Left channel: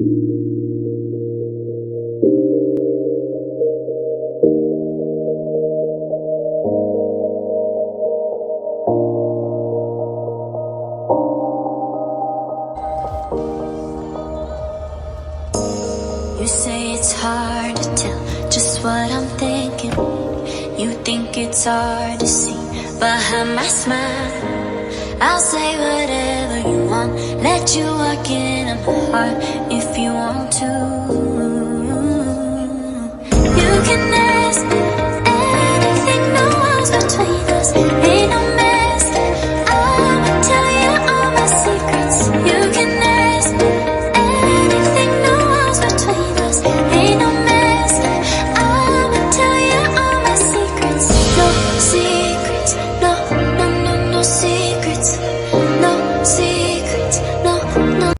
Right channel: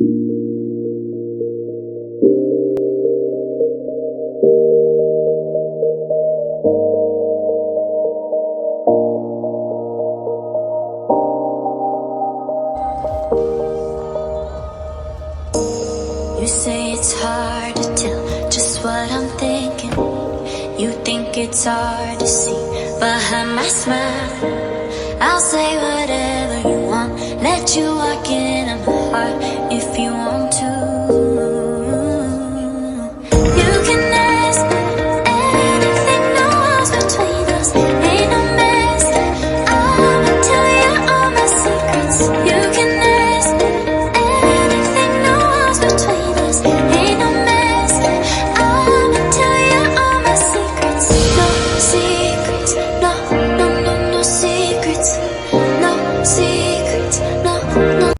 You say it's hard to tell just what I'm thinking. You think it's hard to see behind my smile. I'll say whatever you want, let you walk in on my heart if you want to. You can ask me anything, no walls between us. Ain't no